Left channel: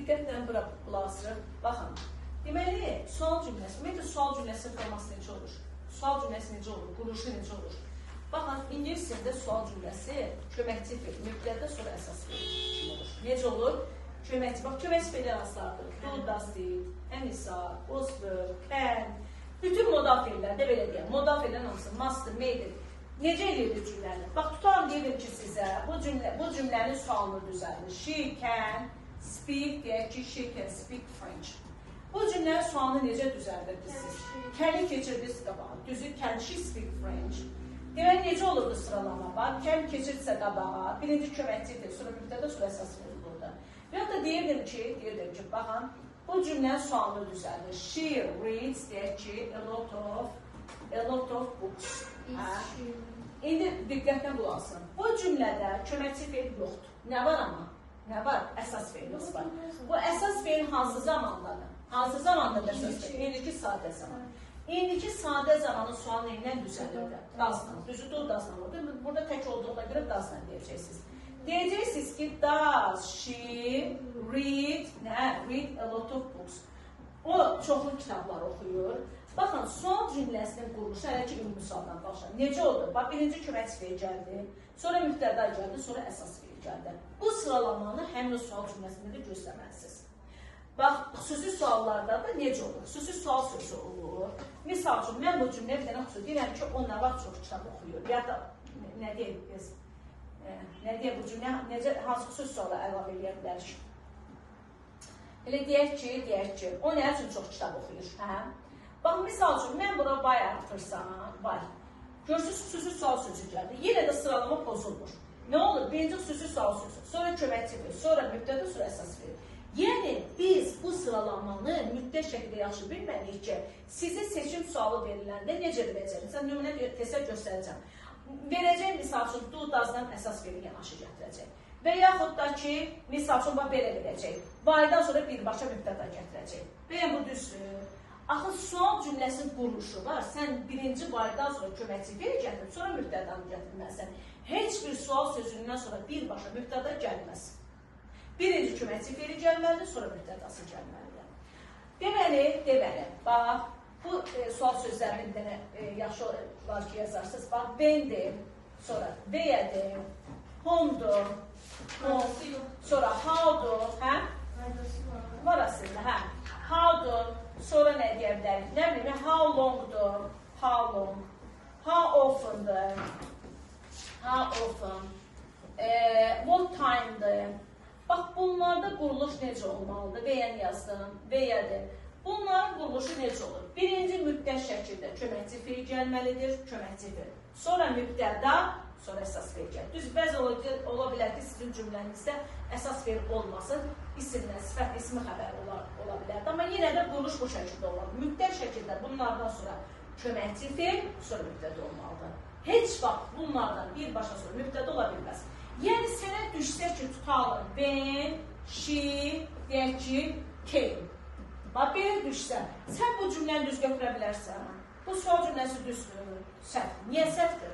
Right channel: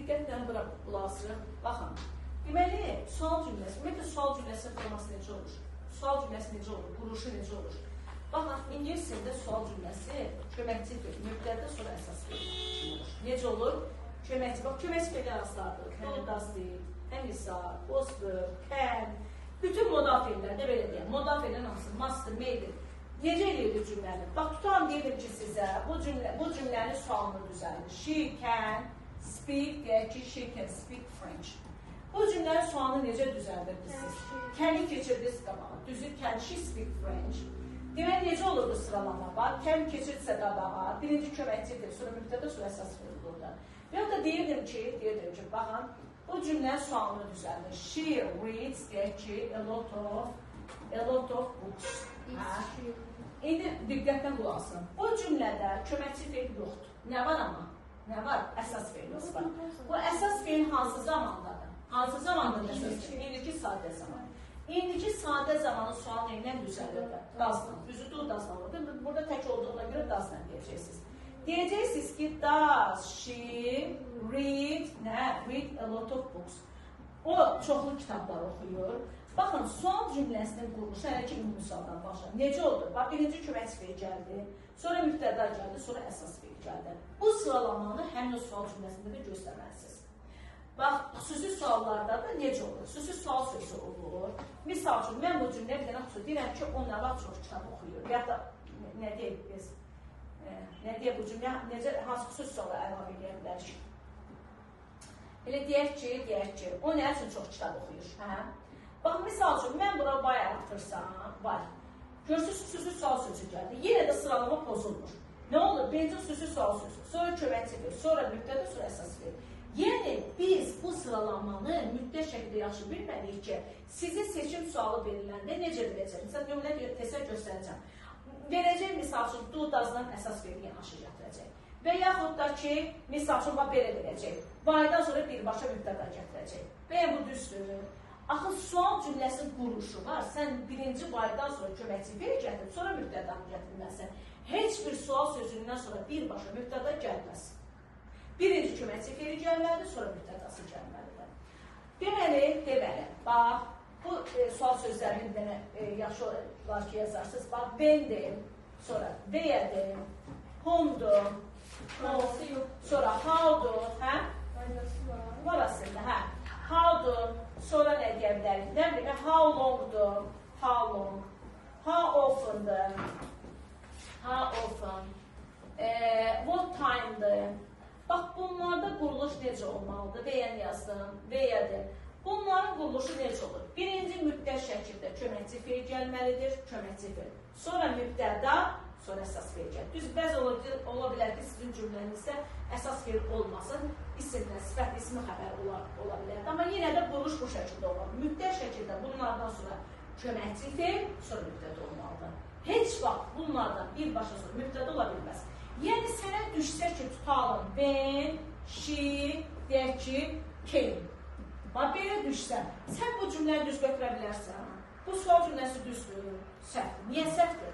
diqqətlə bura qulaq asırıq. Baxın, deməli, sual cümləsi, ümumiyyətlə sual cümləsi forması necə olur? Sual cümləsi necə olur? Quruluşu necə olur? Baxın, ingilis dilində sual cümləsi köməkçi fe'l, mübtədə sonra əsas fe'l kimi olur. Necə olur? Köməkçi, bax, köməkçi fe'li aslardır. Do, does, did, həmisa, was, were, can. Bütün modal fe'llərdə belə deyəm. Modal fe'llərin hamısı must, made. Necə eləyirdi cümləni? Bax, tutalım deyirdim ki, sizə bu cümlənin sualını düzəldir. She can speak, deyək ki, she can speak French. Bu cümlənin sualını necə düzəldirdiniz siz? Can-i keçirdiniz qabağa. Düzü, can she speak French? Demək, necə olurdu sıralama? Bax, can keçirdirsə qabağa, birinci köməkçidir, sonra mübtədə, sonra əsas fe'l burada. Və ya da deyirdim ki, baxın, bu cümlənin sualını düzəldir. She reads, deyək ki, a lot of books. İndi diqqətlə qulaq asın. Bu cümlədə köməkçi fe'l yoxdur. Nə var amma? Nə var? Əsas fe'limiz var. Bu əsas fe'l hansı zamandadır? Hansı zamandadır əsas fe'l? İndiki sadə zaman. İndiki sadə zamanın sualı ilə düzəlir. Doesn't. Düzüdür, doesn't. Burada tək olduğuna görə doesn't deyəcəksiniz. Deyəcəksiniz ki, does she read a lot of books? O çoxlu kitablar oxuyur. Baxın, sual cümləsinin quruluşu hələ ki, ümumi sualdan başlar. Necə oldu? Bax, birinci köməkçi fe'l gəldi, sonra mübtəda gəldi, sonra əsas fe'l gəldi. Bu sıralamanı həmin o sual cümləsində də göstərməlisiniz. Bax, xüsusi suallarda da necə olur? Xüsusi sual sözü olur. Misal üçün, mən bu cümləyə bir dənə xüsusi deyirəm ki, o nə vaxt çox kitab oxuyur. Ya da, nə deyək biz? Nə deyək bu cümlə? Hansı xüsusi suala əlavə edə bilərik? Elə deyək ki, o nə üçün çox kitab oxuyur? Bax, misal üçün, mən bura bay artırsam, var. Görürsünüz, xüsusi sual sözü gəldi. Yenə də sıralama pozulmur. Nə olur? Birinci xüsusi sual sözü, sonra köməkçi fe'l, sonra mübtədə, sonra əsas fe'l. Yəni, biz bu sıralamanı müddət şəkildə yaxşı bilməliyik ki, sizin seçim sualı veriləndə necə biləcək? Məsələn, nümunə təsər göstərəcəm. Verəcək, misal üçün, do, does'dan əsas fe'l yanaşı gətirəcək. Və yaxud da ki, misal üçün, belə verəcək. Baydan sonra birbaşa mübtəda gətirəcək. Və ya bu düzdür. Axı, sual cümləsinin quruluşu var. Sən birinci baydan sonra köməkçi fe'l gətirib, sonra mübtədanı gətirməlisən. Heç bir sual sözündən sonra birbaşa mübtəda gəlməz. Birinci köməkçi fe'l gəlməlidir, sonra mübtədası gəlməlidir. Deməli, bax, bu sual sözlərində yaxşı olar ki, yazarsınız. Bax, when'dir, sonra where'dir, home'dur, sonra how'dur, var aslında, how'dur, sonra nə deyə bilərik? Nə bilmə, how long'dur, how often'dır, what time'dır. Bax, bunlarda quruluş necə olmalıdır? Vəyən yazdım, vəyədir. Bunların quruluşu necə olur? Birinci müddət şəkildə köməkçi fe'l gəlməlidir, köməkçi fe'l. Sonra mübtəda, sonra əsas fe'l gəlir. Düz, bəzi ola bilər ki, sizin cümlənizdə əsas fe'l olmasın, isimlə, sifət, ismi xəbər ola bilər. Amma yenə də quruluş bu şəkildə olur. Müddət şəkildə bunlardan sonra köməkçi fe'l, sonra mübtəda olmalıdır. Heç vaxt bunlardan birbaşa sonra mübtəda ola bilməz. Yəni, sənə düşsə ki, tutalım, when, she, deyək ki, came. Bax, belə düşsə, sən bu cümləni düz götürə bilərsən. Bu sual cümləsi düzdür, səhvdir. Niyə səhvdir?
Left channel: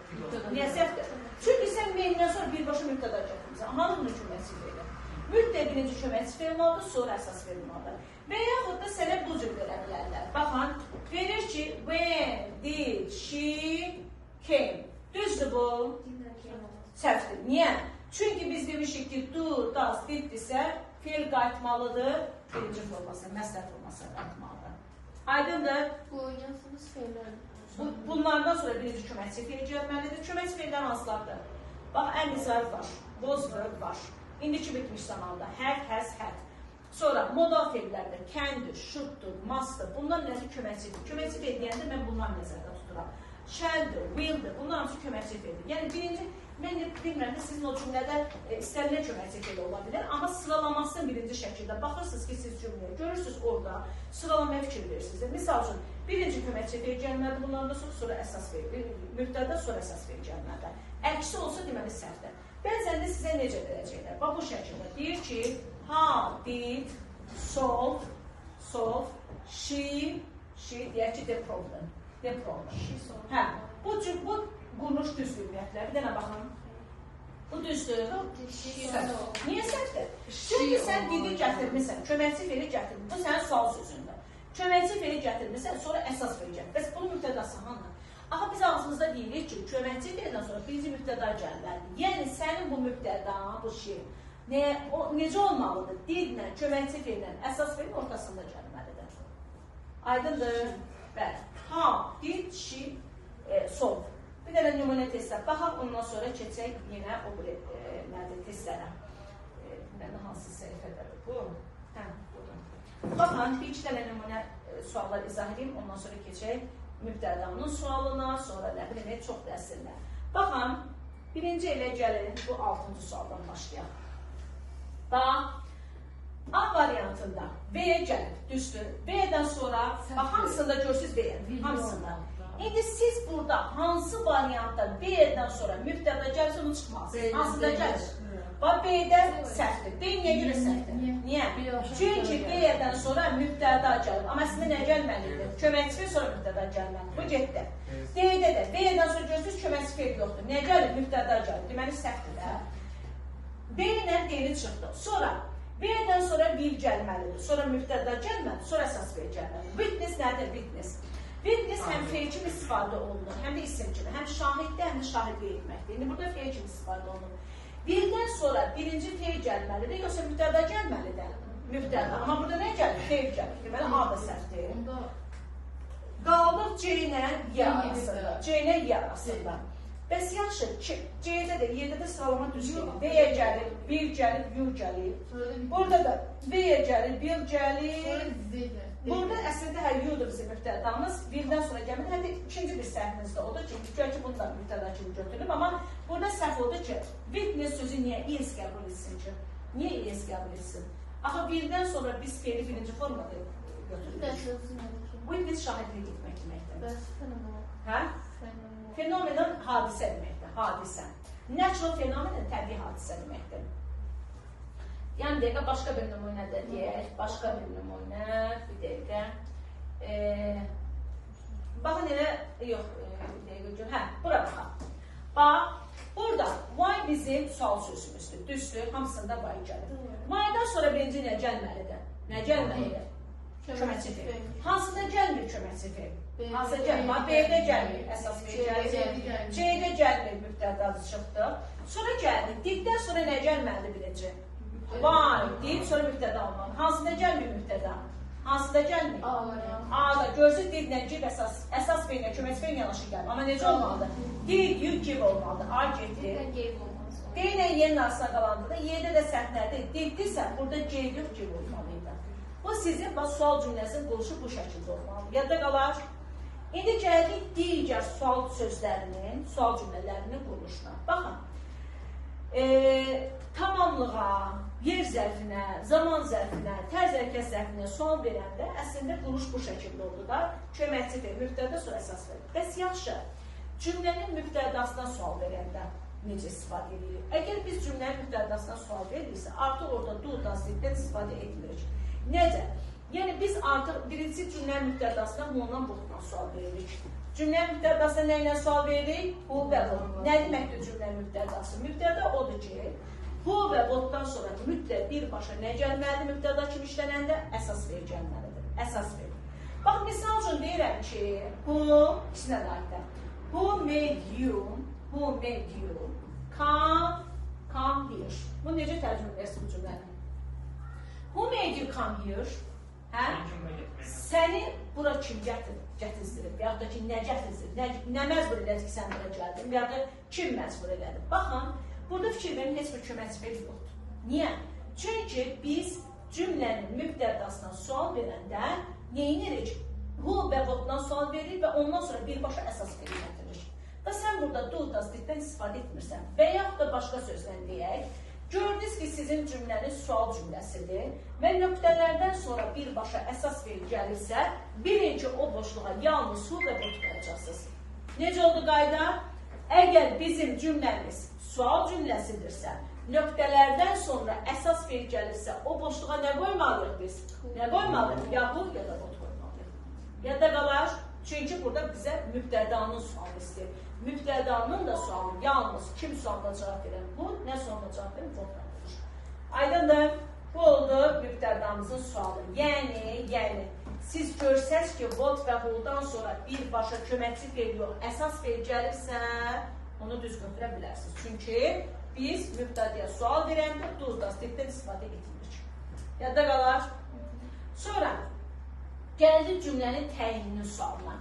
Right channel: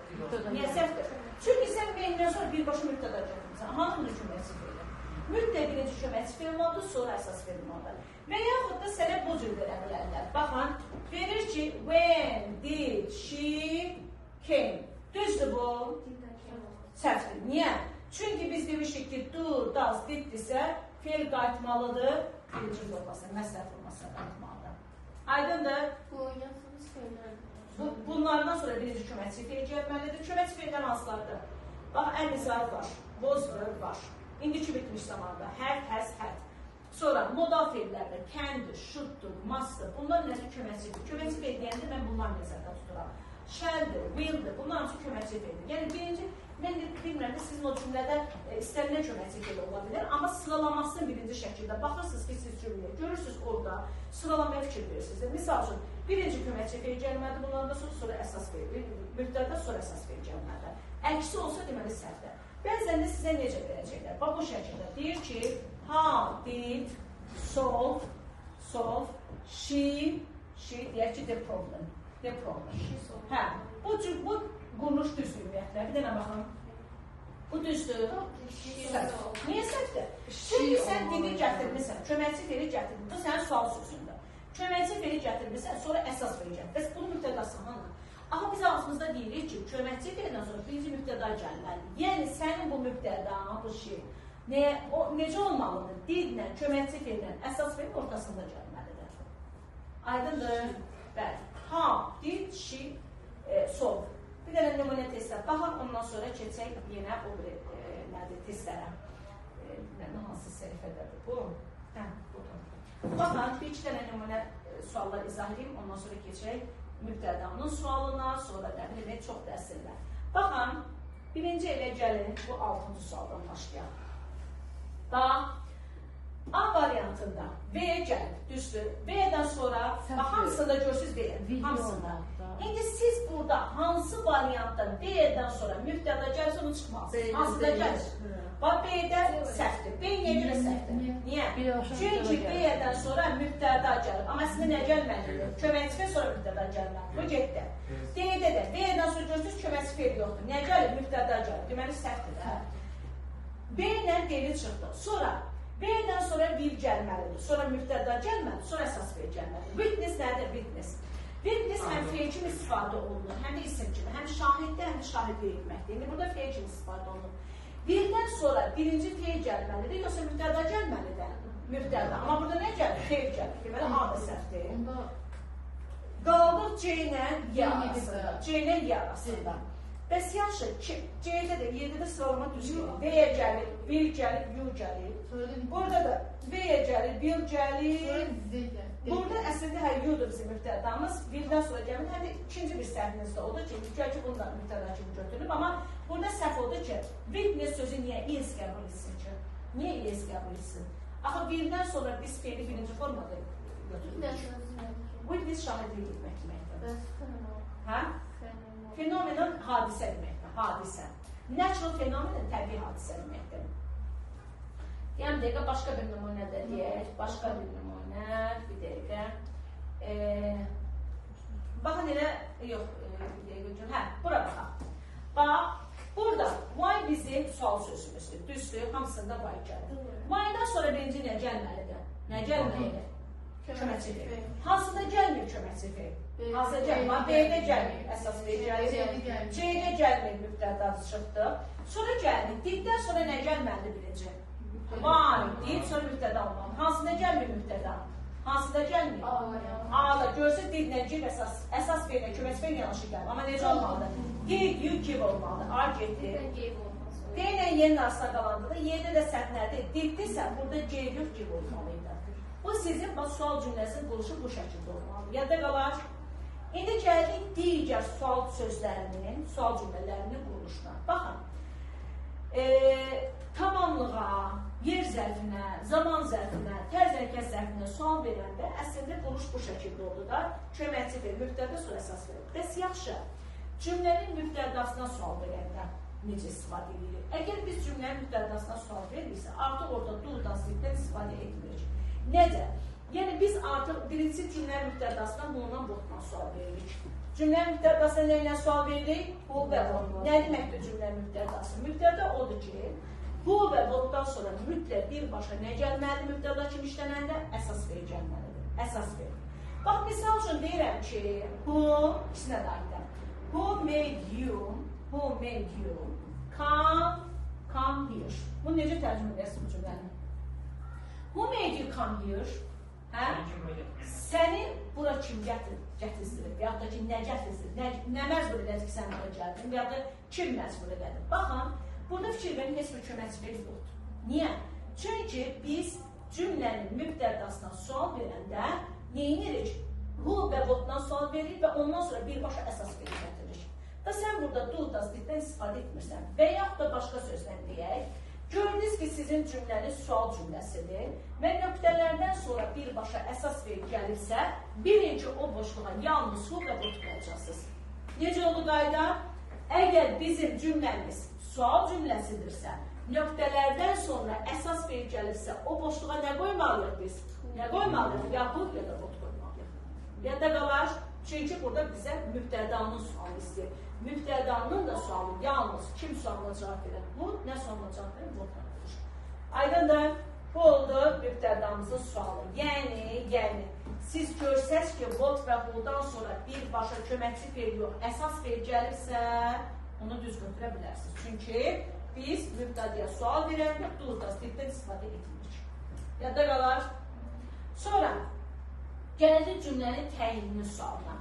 Niyə səhvdir? Çünki sən when-dən sonra birbaşa mübtəda gətirmirsən. Hanımın köməkçi fe'li? Müddət birinci köməkçi fe'l olmalıdır, sonra əsas fe'l olmalıdır. Və yaxud da sənə bu cür verə bilərlər. Baxın, verir ki, when did she came? Düzdür bu? Səhvdir. Niyə? Çünki biz demişik ki, do, does, diddirsə, fe'l qayıtmalıdır, birinci forması, məsələ formasına qayıtmalıdır. Aydındır? Bunlardan sonra birinci köməkçi fe'l gəlməlidir. Köməkçi fe'ldən hansılardır? Bax, ən zarf var, was, were var. İndiki bitmiş zamanda, had, has, had. Sonra modal fe'llərdir, can'dir, should'dur, must'dır. Bunlar nəzir köməkçidir. Köməkçi fe'l deyəndə mən bunları nəzərdə tuturam. Shall'dir, will'dir, bunlar hamısı köməkçi fe'ldir. Yəni, birinci, mən bilmirəm ki, sizin o cümlədə istənilən köməkçi fe'l ola bilər, amma sıralamasını birinci şəkildə baxırsınız ki, siz cümləyə görürsünüz orada, sıralamaya fikir verirsiniz. Misal üçün, birinci köməkçi fe'l gəlməlidir, bunlardan sonra əsas fe'l, mübtəda sonra əsas fe'l gəlməlidir. Əksi olsa, deməli, səhvdir. Bəzən də sizə necə verəcəklər? Bax, bu şəkildə deyir ki, how did solve, she, deyək ki, the problem. Hə, bu quruluş düzdür ümumiyyətlə. Bir dənə baxın. Bu düzdür. Niyə səhvdir? Çünki sən dili gətirmirsən, köməkçi feli gətirmirsən. Bu sənin sual sözündə. Köməkçi feli gətirmirsən, sonra əsas feli gətirmirsən. Bəs bunun mübtədası hanı? Aha biz ağzımızda deyirik ki, köməkçi felindən sonra birinci mübtəda gəlməlidir. Yəni sənin bu mübtədan, bu şey necə olmalıdır? Dillə, köməkçi feldən, əsas felin ortasında gəlməlidir. Aydındır? Bəli. Ha, dil, şi, sol. Bir dənə nümunə testə baxaq, ondan sonra keçək yenə o testlərə. Hansı səhifədədir bu? Burada. Baxın, bir iki dənə nümunə suallar izah edeyim, ondan sonra keçək mübtədanın sualına, sonra nə bilim, çox dərsirlər. Baxın, birinci elə gəlin, bu 6-cı sualdan başlayaq. Da, A variantında B-yə gəlin, düzdür. B-dən sonra, bax, hamısında görürsünüz B-yə, hamısında. İndi siz burada hansı variantda B-dən sonra mübtəda gəlsə onu çıxmazsınız. Hansıda gəlir? Bax, B-də səhvdir. B niyə görə səhvdir? Niyə? Çünki B-dən sonra mübtəda gəlir. Amma əslində nə gəlməlidir? Köməkçi fel sonra mübtəda gəlməlidir. Bu getdi. D-də də B-dən sonra görürsünüz köməkçi fel yoxdur. Nə gəlir? Mübtəda gəlir. Deməli, səhvdir də. B ilə D-li çıxdı. Sonra B-dən sonra vil gəlməlidir. Sonra mübtəda gəlməlidir. Sonra əsas fel gəlməlidir. Witness nədir? Witness. Witness həm feil kimi istifadə olunur, həm də isim kimi. Həm şahiddə, həm də şahidliyə etməkdir. İndi burada feil kimi istifadə olunur. Birdən sonra birinci feil gəlməlidir, yoxsa mübtəda gəlməlidir? Mübtəda. Amma burada nə gəlir? Feil gəlir. Deməli, A da səhvdir. Qaldıq C ilə Y arasında. C ilə Y arasında. Bəs yaxşı, C-də də, Y-də də sıralama düz gəlir. V-yə gəlir, bil gəlir, yur gəlir. Burada da V-yə gəlir, bil gəlir. Burada əslində yudur bizim mübtədamız. Birdən sonra gəlir. Həm də ikinci bir səhvimiz də odur ki, ki bunu da mübtəda kimi götürülüb. Amma burada səhv odur ki, witness sözü niyə is qəbul etsin ki? Niyə is qəbul etsin? Axı birdən sonra biz feili birinci formada götürülür. Witness şahidlik etmək deməkdir. Hə? Fenomenon hadisə deməkdir. Hadisə. Natural fenomenon təbii hadisə deməkdir. Yəni, dəqiqə, başqa bir nümunə də deyək, başqa bir nümunə, bir dəqiqə. Baxın, elə, yox, hə, bura baxaq. Bax, burada, why bizim sual sözümüzdür, düzdür, hamısında why gəlir. Why-dan sonra birinci nə gəlməlidir? Nə gəlməlidir? Köməkçi fel. Hansıda gəlmir köməkçi fel? Hansıda gəlmir? B-də gəlmir, əsas fel gəlir. C-də gəlmir, mübtədadır çıxdı. Sonra gəlmir, dibdən sonra nə gəlməlidir birinci? Var deyib, sonra mübtəda olmalı. Hansıda gəlmir mübtəda? Hansıda gəlmir? A-da. Görsün, did nə give əsas feyilə, köməkçi feyilə yanaşı gəlir. Amma necə olmalıdır? Did, you give olmalıdır. A getir. D ilə Y-nin arasına qalandıqda, Y-də də səhv nədir? Diddirsə, burada gave yox, give olmalıydı. Bu sizin sual cümləsinin quruluşu bu şəkildə olmalı. Yadda qalar. İndi gəldik digər sual sözlərinin, sual cümlələrinin quruluşuna. Baxın. Tamamlığa, yer zərfinə, zaman zərfinə, tərz hərəkət zərfinə sual verəndə əslində quruluş bu şəkildə oldu da, köməkçi fel, mübtəda sonra əsas fel. Bəs yaxşı, cümlənin mübtədasına sual verəndə necə istifadə edilir? Əgər biz cümlənin mübtədasına sual verirsə, artıq orada do, das, diddən istifadə etmirik. Necə? Yəni biz artıq birinci cümlənin mübtədasına bundan boxdan sual veririk. Cümlənin mübtədasına nə ilə sual veririk? Bu və bu. Nə deməkdir cümlənin mübtədası? Mübtəda odur ki, bu və votdan sonra mütləq birbaşa nə gəlməlidir mübtəda kimi işlənəndə? Əsas fel gəlməlidir. Əsas fel. Bax, misal üçün deyirəm ki, who, ikisinə də aiddir. Who made you come here? Bu necə tərcümə edərsiniz bu cümləni? Who made you come here? Hə? Səni bura kim gətirsin? Və yaxud da ki, nə gətirsin? Nə məcbur edəcək sən bura gəldin? Və yaxud da kim məcbur edədir? Baxın, burada fikir verin, heç bir köməkçi fel yoxdur. Niyə? Çünki biz cümlənin mübtədasına sual verəndə neyinirik? Who və whatdan sual veririk və ondan sonra birbaşa əsas feli gətiririk. Və sən burada do, das, diddən istifadə etmirsən və yaxud da başqa sözlə deyək, gördünüz ki, sizin cümləniz sual cümləsidir və nöqtələrdən sonra birbaşa əsas fel gəlirsə, bilin ki, o boşluğa yalnız who və what qoyacaqsınız. Necə oldu qayda? Əgər bizim cümləmiz sual cümləsidirsə, nöqtələrdən sonra əsas fel gəlirsə, o boşluğa nə qoymalıyıq biz? Nə qoymalıyıq? Ya bu, ya da what qoymalıyıq. Ya da qalar, Çünki burada bizə mübtədanın sualı istəyir. Mübtədanın da sualı yalnız kim sualına cavab verər? Bu nə sualına cavab verər? Votla olur. Aydındır. Bu oldu mübtədamızın sualı. Yəni siz görsəz ki, vot və holdan sonra birbaşa köməkçi feil yox, əsas feil gəlirsə, onu düzgün verə bilərsiniz. Çünki biz mübtədəyə sual verəndə duzdan tipdən istifadə etmirik. Yadda qalar. Sonra gəldik cümlənin təyininin sualına.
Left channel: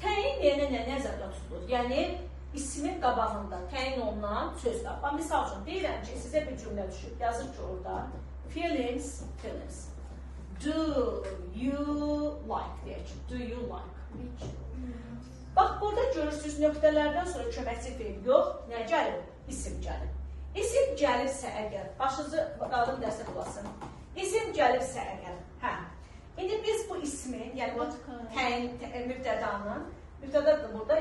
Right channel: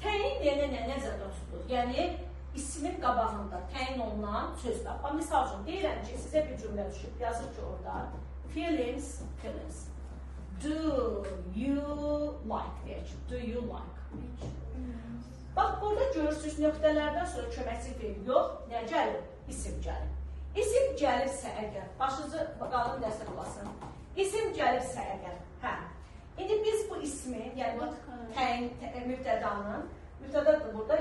Təyin deyənə nə nəzərdə tutulur? Yəni, ismin qabağında təyin olunan sözlər. Misal üçün, deyirəm ki, sizə bir cümlə düşüb, yazır ki, orada feelings. Do you like deyək ki, do you like? Bax, burada görürsünüz, nöqtələrdən sonra köməkçi feil yox, nə gəlir? İsim gəlir. İsim gəlirsə əgər, başınızı qalın dəstək olasın. İsim gəlirsə əgər, hə. İndi biz bu ismi, yəni bu təyin mübtədanın, mübtədadır burada,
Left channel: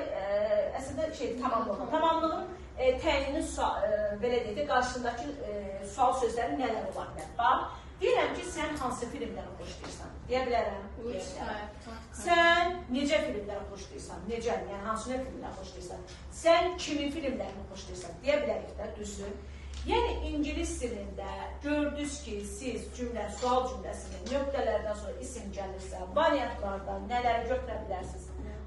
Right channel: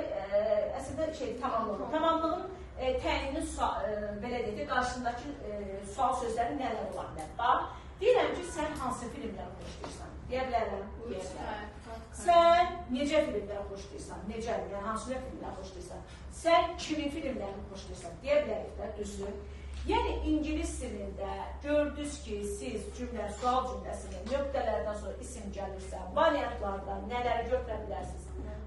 əslində tamamlığın. Tamamlığın təyinini belə deyək, qarşısındakı sual sözləri nələr ola bilər? Bax, deyirəm ki, sən hansı filmləri xoşlayırsan? Deyə bilərəm. Sən necə filmləri xoşlayırsan? Necə, yəni hansı filmləri xoşlayırsan? Sən kimin filmlərini xoşlayırsan? Deyə bilərik də, düzdür. Yəni, İngilis dilində gördünüz ki, siz sual cümləsində nöqtələrdən sonra isim gəlirsə, variantlardan nələri götürə bilərsiniz?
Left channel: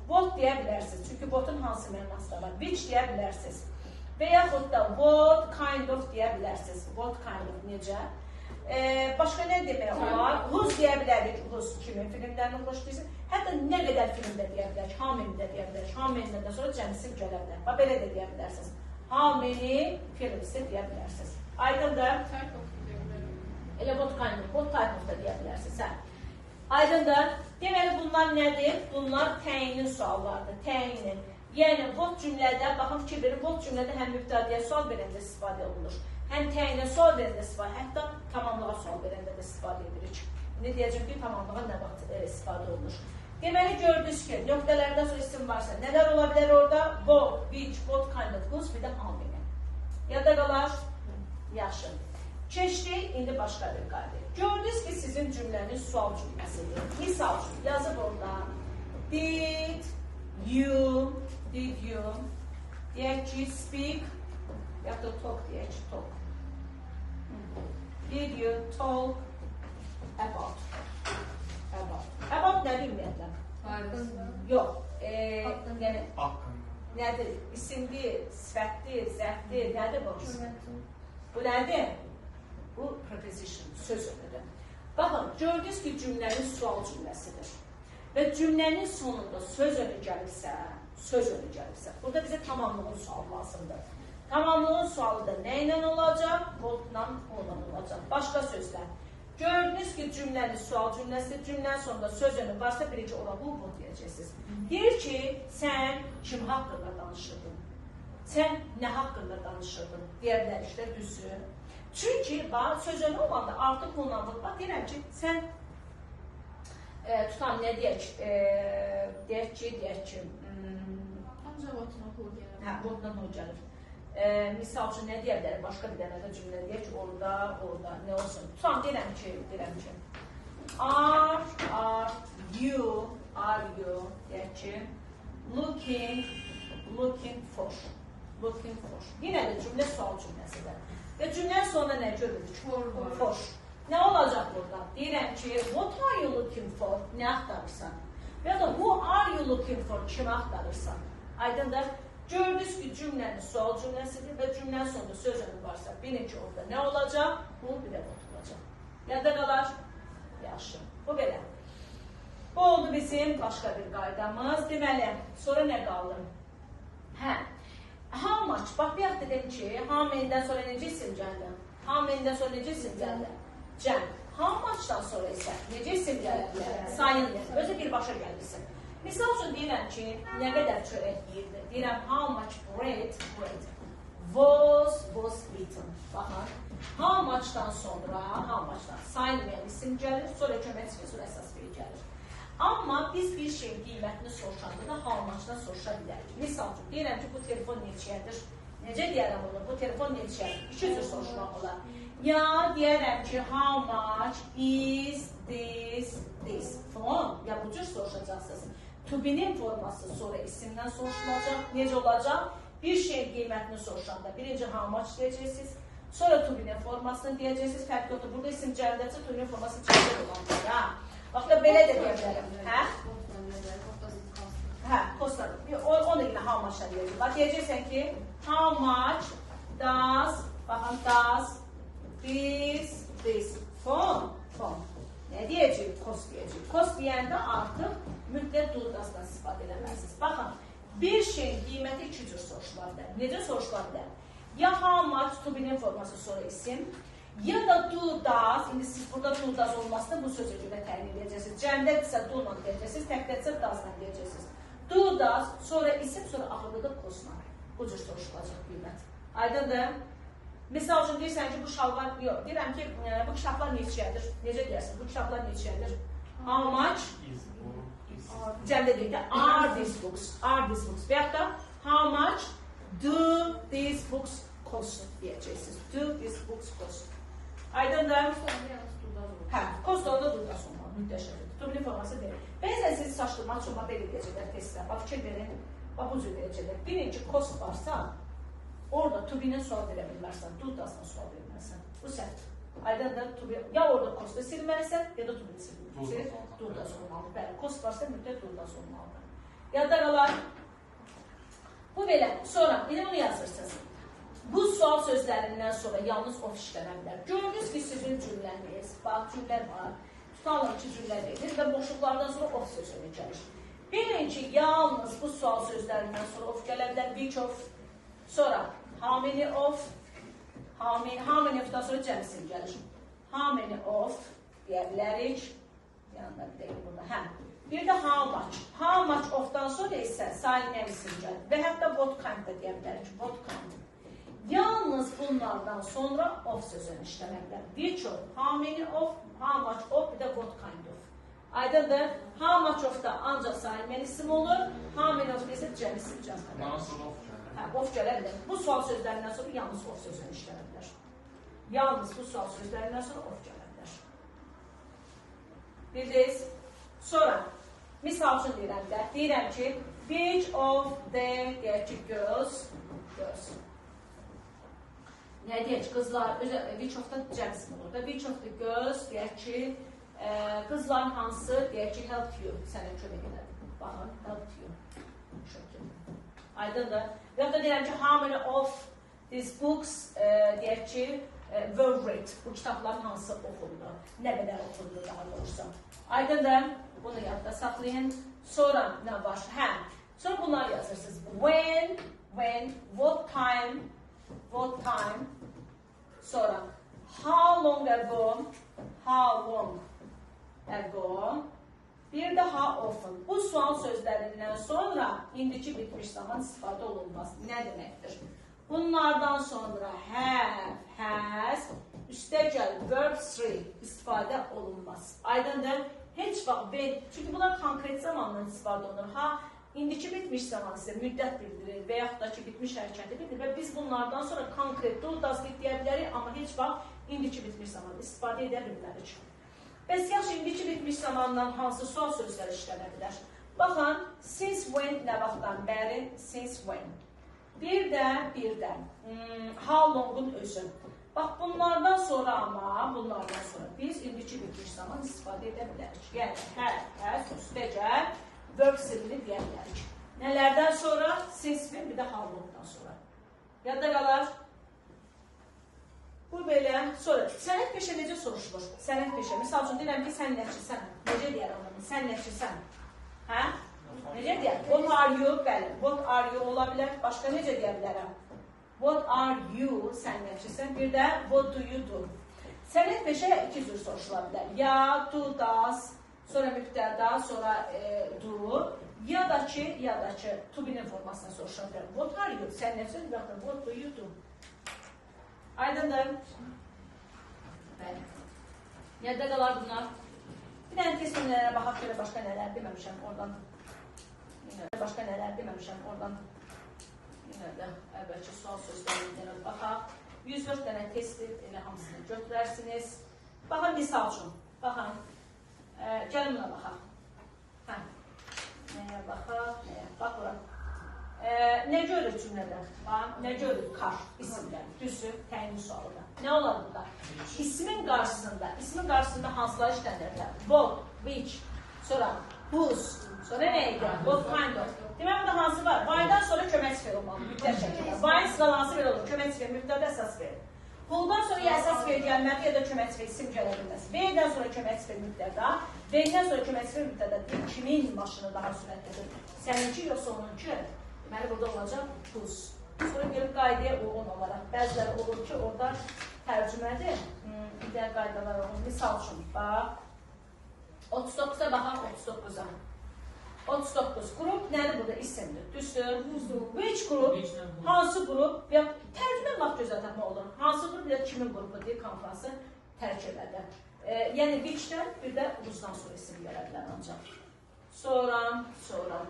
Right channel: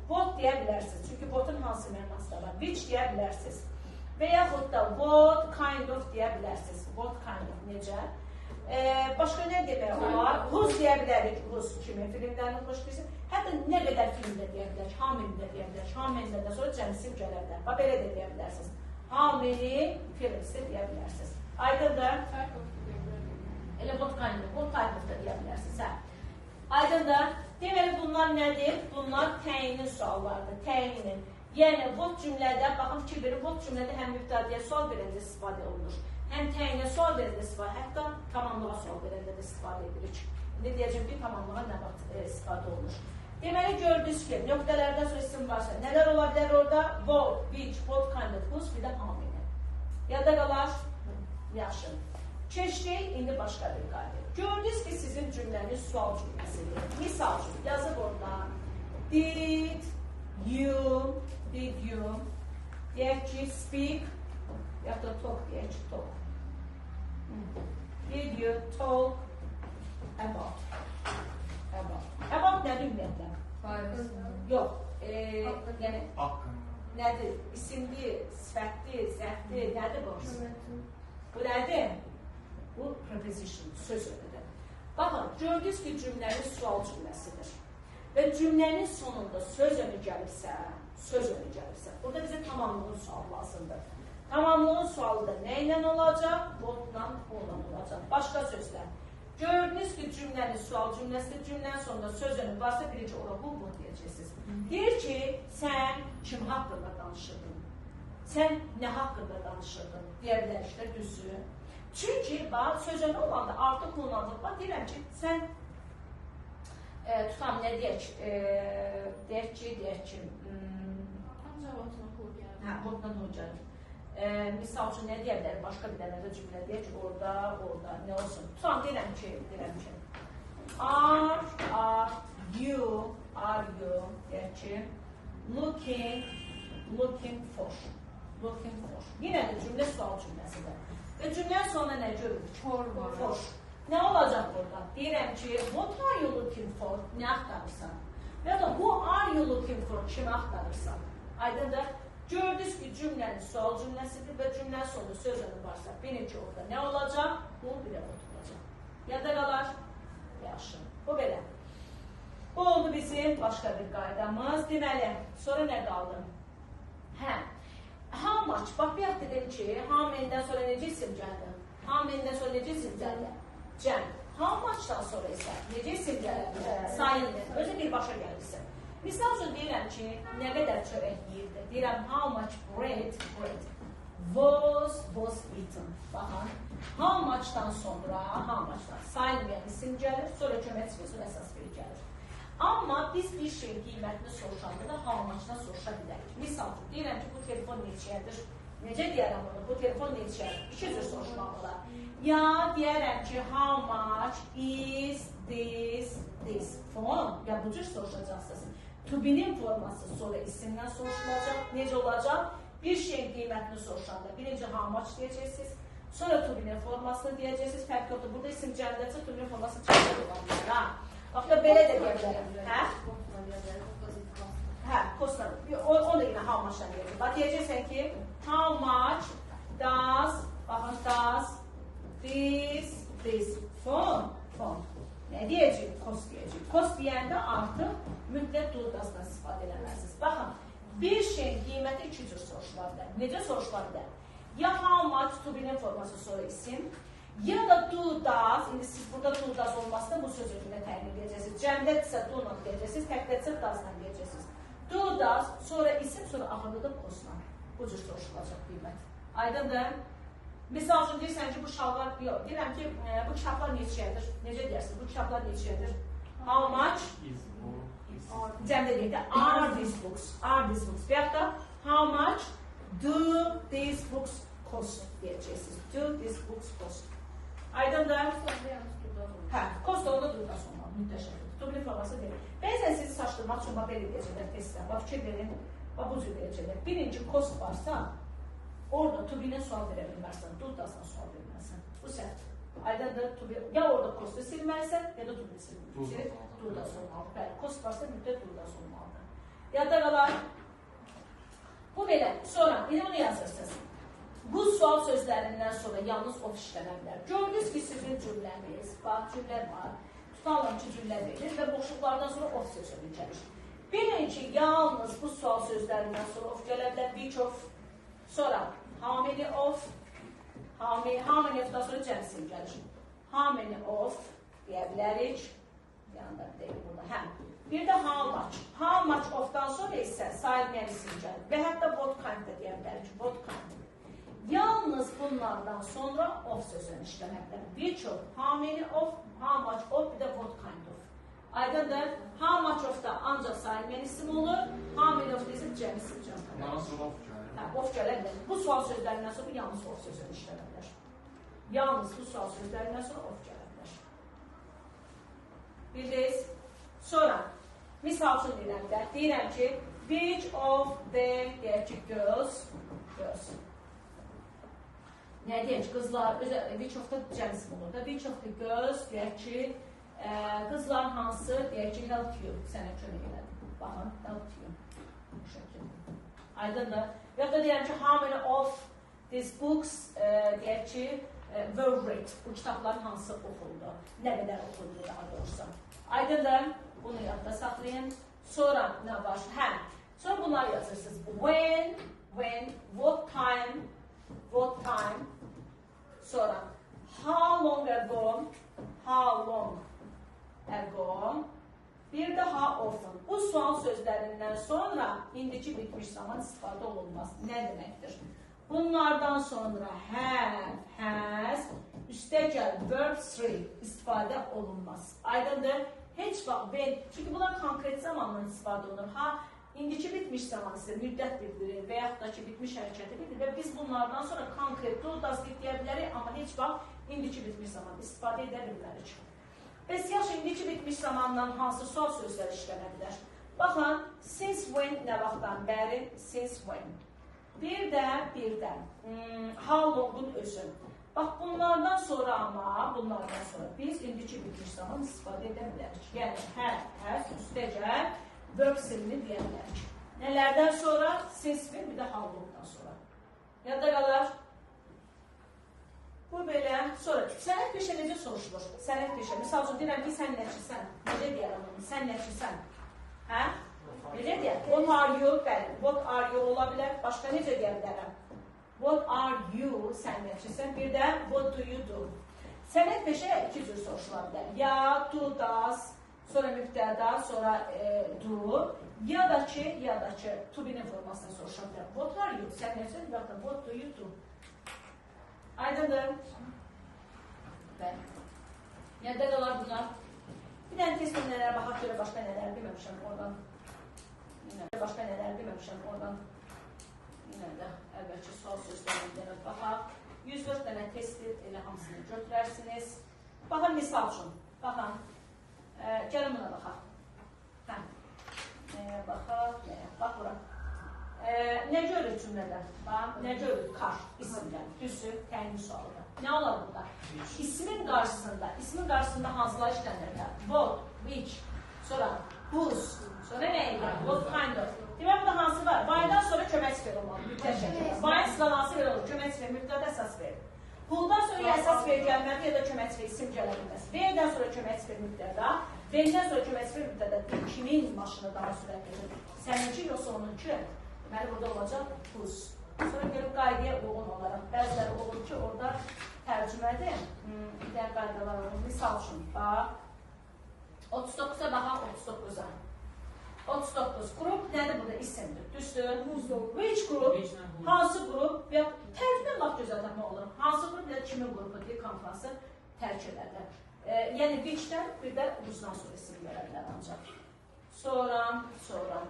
What deyə bilərsiniz. Çünki what'ın hansı mənası da var? Which deyə bilərsiniz. Və yaxud da what kind of deyə bilərsiniz. What kind of, necə? Başqa nə demək olar? Whose deyə bilərik. Whose kimin filmlərini xoşlayırsa. Hətta nə qədər filmdə deyə bilərik. How many-də deyə bilərik. How many-də sonra cəmisim gələ bilər. Bax, belə də deyə bilərsiniz. How many films'ı deyə bilərsiniz. Aydındır? Elə what kind of, what type of da deyə bilərsiniz. Aydındır? Deməli, bunlar nədir? Bunlar təyinin suallardır. Təyinin. Yəni, what cümlədə, baxın fikir verin, what cümlədə həm mübtədəyə sual verəndə istifadə olunur. Həm təyinə sual verəndə istifadə, hətta tamamlığa sual verəndə də istifadə edirik. İndi deyəcəm ki, tamamlığa nə vaxt istifadə olunur. Deməli, gördünüz ki, nöqtələrdən sonra isim varsa, nələr ola bilər orada? What, which, what kind of, whose, bir də how many. Yadda qalar? Yaxşı. Keçdik, indi başqa bir qayda. Gördünüz ki, sizin cümləniz sual cümləsidir. Misal üçün, yazıb orada. Did you, deyək ki, speak, yaxud da talk, deyək ki, talk. Did you talk about? About nədir ümumiyyətlə? Yox, yəni, nədir? İsimdir, sifətdir, zərfdir, nədir bu? Bu nədir? Bu preposition, söz önüdür. Baxın, gördünüz ki, cümlənin sual cümləsidir. Və cümlənin sonunda söz önü gəlirsə, burada bizə tamamlığın sualı lazımdır. Tamamlığın sualı da nə ilə olacaq? What'la olacaq. Başqa sözlər. Gördünüz ki, cümlənin sual cümləsidir. Cümlənin sonunda söz önü varsa, birinci ola bu deyəcəksiniz. Deyir ki, sən kim haqqında danışırdın? Sən nə haqqında danışırdın? Deyə bilər işlər düzsün. Çünki, söz önü olanda artıq onanlıq var. Deyirəm ki, sən tutam, nə deyək? Deyək ki, What'la o gəlir. Misal üçün, nə deyə bilərim? Başqa bir dənə də cümlə deyək ki, orada, nə olsun? Tutam, deyirəm ki, Are you, deyək ki, looking for. Yenə də cümlə sual cümləsidir. Və cümlənin sonunda nə görürük? For. Nə olacaq burada? Deyirəm ki, what are you looking for? Nə axtarırsan? Və ya da who are you looking for? Kimi axtarırsan? Aydındır? Gördünüz ki, cümlənin sual cümləsidir və cümlənin sonunda söz önü varsa, bilin ki, orada nə olacaq? Bu bir də olacaq. Yadda qalar? Yaxşı. Bu belə. Bu oldu bizim başqa bir qaydamız. Deməli, sonra nə qaldı? How much? Bax, bir yaxud dedim ki, how many-dən sonra necə isim gəldi? How many-dən sonra necə isim gəldi? Cəm. How much-dan sonra isə necə isim gəldi? Sayındır. Özü birbaşa gəlirsin. Misal üçün deyirəm ki, nə qədər çörək yiyirdi? Deyirəm, how much bread was eaten. Baxın, how much-dan sonra, sayılmayan isim gəlir, sonra kömək və sonra əsas bir gəlir. Amma biz bir şeyin qiymətini soruşanda da how much-dan soruşa bilərik. Misal üçün, deyirəm ki, bu telefon neçəyədir? Necə deyərəm bunu? Bu telefon neçəyədir? İki cür soruşmaq olar. Ya deyərəm ki, how much is this phone? Ya bu cür soruşacaqsınız. to be-nin forması sonra isimdən soruşulacaq. Necə olacaq? Bir şeyin qiymətini soruşanda birinci how much deyəcəksiniz. Sonra to be-nin formasını deyəcəksiniz. Fərq yoxdur. Burada isim cəmdəcə to be-nin forması çəkir olanlar. Ha? Bax da belə də deyə bilərəm. Hə? Hə, cost. Onu ilə how much-la deyəcək. Bax deyəcəksən ki, how much does, baxın, does this phone. Nə deyəcək? Cost deyəcək. Cost deyəndə artıq mütləq durdasından istifadə eləməlisiniz. Baxın, bir şeyin qiyməti iki cür soruşula bilər. Necə soruşula bilər? Ya how much to be-nin forması sonra isim, ya da do does, indi siz burada do does olmasında bu sözü görə təyin edəcəksiniz. Cəmdədirsə do-la deyəcəksiniz, təkdədirsə does-la deyəcəksiniz. Do does, sonra isim, sonra axırda da cost-la. Bu cür soruşulacaq qiymət. Aydındır? Misal üçün deyirsən ki, bu şalvar, yox, deyirəm ki, bu kitablar neçəyədir? Necə deyərsən, bu kitablar neçəyədir? How much? Cəmdə deyək də, are these books? Are these books? Və yaxud da, how much do these books cost? Deyəcəksiniz. Do these books cost? Aydındır? Hə, cost orada durdas olmalı, müddəşədir. To-be forması deyil. Bəzən sizi saçdırmaq üçün belə deyəcəklər testdə. Bax, fikir verin, bax, bu cür deyəcəklər. Birinci cost varsa, orada to-be-nin sual verə bilmərsən, do-dasla sual vermərsən. Bu səhv. Aydındır, ya orada cost-u silməlisən, ya da to-be-ni silməlisən. Do-das olmalıdır. Bəli, cost varsa müddət do-das olmalıdır. Yadda qalar. Bu belə. Sonra, indi bunu yazırsınız. Bu sual sözlərindən sonra yalnız of işlənə bilər. Gördünüz ki, sizin cümləniz, bax, cümlə var. Tutalım ki, cümlə verilir və boşluqlardan sonra of sözünü gəlir. Bilin ki, yalnız bu sual sözlərindən sonra of gələ bilər. Which of, sonra how many of, how many of'dan sonra cəmsin gəlir. How many of deyə bilərik. Yanında bir deyil burada. Hə. Bir də how much. How much of'dan sonra isə sayılmayan isim gəlir. Və hətta what kind da deyə bilərik. What kind. Yalnız bunlardan sonra of sözünü işləmək bilər. Which of, how many of, how much of, bir də what kind of. Aydındır. How much of da ancaq sayılmayan isim olur. How many of da isə cəm isim gəlir. Yalnız of. Hə, of gələ bilər. Bu sual sözlərindən sonra yalnız of sözünü işləyə bilər. Yalnız bu sual sözlərindən sonra of gələ bilər. Bildiniz? Sonra, misal üçün deyirəm də, deyirəm ki, which of them, deyək ki, girls. Nə deyək ki, qızlar, which of the cəmsin olur da, which of the girls, deyək ki, qızlar hansı, deyək ki, help you, sənə kömək elədi. Baxın, help you. Aydındır. Və ya da deyirəm ki, how many of these books, deyək ki, were read. Bu kitabların hansı oxundu, nə qədər oxundu daha doğrusu. Aydındır. Bunu yadda saxlayın. Sonra nə var? Hə. Sonra bunlar yazırsınız. When, what time. Sonra how long ago. Bir də how often. Bu sual sözlərindən sonra indiki bitmiş zaman istifadə olunmaz. Nə deməkdir? Bunlardan sonra have, has, üstəgəl verb 3 istifadə olunmaz. Aydındır? Heç vaxt when, çünki bunlar konkret zamanla istifadə olunur. Ha, indiki bitmiş zaman isə müddət bildirir və yaxud da ki, bitmiş hərəkəti bildirir və biz bunlardan sonra konkret do-das deyə bilərik, amma heç vaxt indiki bitmiş zaman istifadə edə bilmərik. Bəs yaxşı, indiki bitmiş zamandan hansı sual sözləri işlənə bilər? Baxın, since when nə vaxtdan bəri? Since when. Bir də, how long-un özü. Bax, bunlardan sonra biz indiki bitmiş zaman istifadə edə bilərik. Yəni, hər, üstəcəl, verb silini deyə bilərik. Nələrdən sonra? Since when, bir də how long-dan sonra. Yadda qalar. Bu belə, sonra sənət peşə necə soruşulur? Sənət peşə, misal üçün deyirəm ki, sən nəçisən? Necə deyər onu? Sən nəçisən? Hə? Necə deyər? What are you? Bəli, what are you ola bilər. Başqa necə deyə bilərəm? What are you? Sən nəçisən? Bir də, what do you do? Sənət peşə iki cür soruşula bilər. Ya, do, does, sonra mübtəda, sonra do. Ya da ki, to be-nin formasına soruşula bilər. What are you? Sən nəçisən? Baxın, what do you do? Aydındır. Bəli. Yadda qalar bunlar. Bir dənə test nələrə baxaq görə başqa nələr deməmişəm oradan. Yenə də əvvəlki sual sözlərindən baxaq. 104 dənə testdir, elə hamısını götürərsiniz. Baxın, misal üçün. Baxın. Gəlin buna baxaq. Ne görür cümlədə? Ne görür? Kar, isimdən. Düzü, təyin sualıdır. Ne olar burada? İsmin qarşısında hansılar işlənirlər? What, which, sonra whose, sonra nə edir? What kind of. Demək, burada hansı var? Why-dan sonra kömək sifir olmalı, mütləq şəkildə. Why-ın sıralanması belə olur, kömək sifir, mütləq əsas verir. Who-dan sonra ya əsas verir gəlməli, ya da kömək sifir isim gələ bilməz. V-dən sonra kömək sifir mütləqdə, V-dən sonra kömək sifir mütləqdə kimin maşını daha sürətlidir? Səninki yoxsa onunki? Deməli, burada olacaq whose. Sonra gəlib qaydaya uyğun olaraq, bəziləri olur ki, orada tərcümədir, digər qaydalar olur. Misal üçün, bax, 39-a baxaq 39-a. 39 qrup nədir burada? İsimdir, düzdür? Which group? Hansı qrup? Tərcümə laf gözəl tapma olur. Hansı qrup ya kimin qrupu deyil, konfransı tərk edərlər. Yəni, which-dən bir də whose-dan sonra isim verədilər ancaq. Sonra,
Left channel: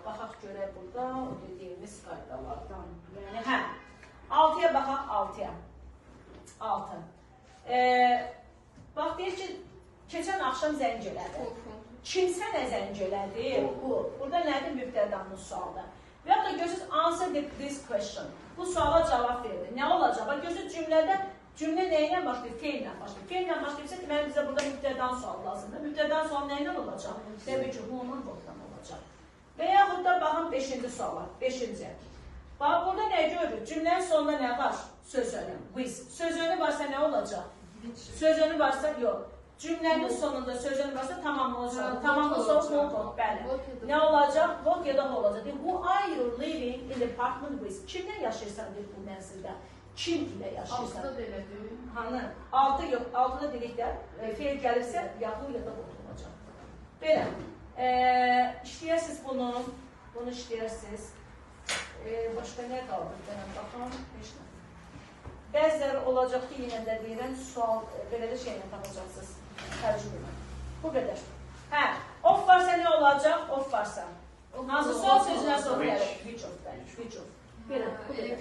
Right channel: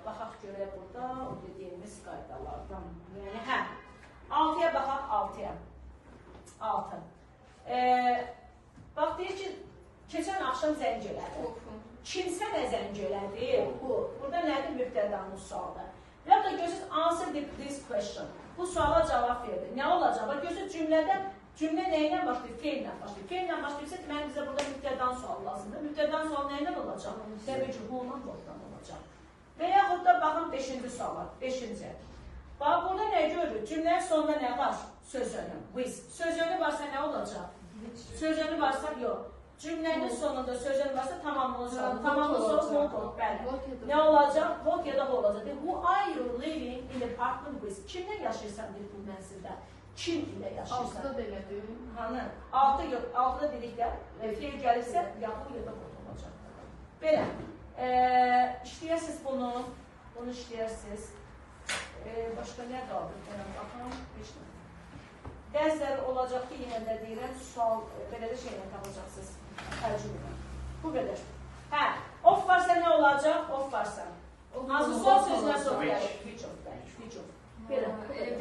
baxaq görək burada, o dediyimiz qaydalardan. Yəni, hə, 6-ya baxaq 6-ya. 6. Bax, deyir ki, keçən axşam zəng elədi. Kimsə nə zəng elədi? Bu. Burada nədir? Mübtədənin sualıdır. Və ya da gözünüz answer this question. Bu suala cavab verdi. Nə olacaq? Gözünüz cümlədə, cümlə nə ilə başlayır? Feillə başlayır. Feillə başlayırsa, deməli bizə burada mübtədən sual lazımdır. Mübtədən sual nə ilə olacaq? Təbii ki, who-nun what'dan olacaq. Və yaxud da baxın 5-ci suala. 5-ci. Bax, burada nə görürük? Cümlənin sonunda nə var? Söz önü. With. Söz önü varsa nə olacaq? Söz önü varsa yox. Cümlənin sonunda sözün varsa tamamlanacaq. Tamamlanacaq, what olur, bəli. Nə olacaq? What ya da what olacaq. Who are you living in the apartment with? Kimlə yaşayırsan bu mənzildə? Kim ilə yaşayırsan? 6-da demədir. Hanı? 6 yox, 6-da dedikdə feil gəlirsə, yaxın ya da what olacaq. Belə, işləyirsiniz bunu işləyirsiniz. Başqa nə qaldı? Baxın, işlə. Bəziləri olacaq ki, yenə də deyirəm, sual, belə də şeylə tapacaqsınız. Tərcümə. Bu qədər. Hə, of varsa nə olacaq? Of varsa. Hansı sual sözünə sonra gəlir? Which of. Belə, bu qədər.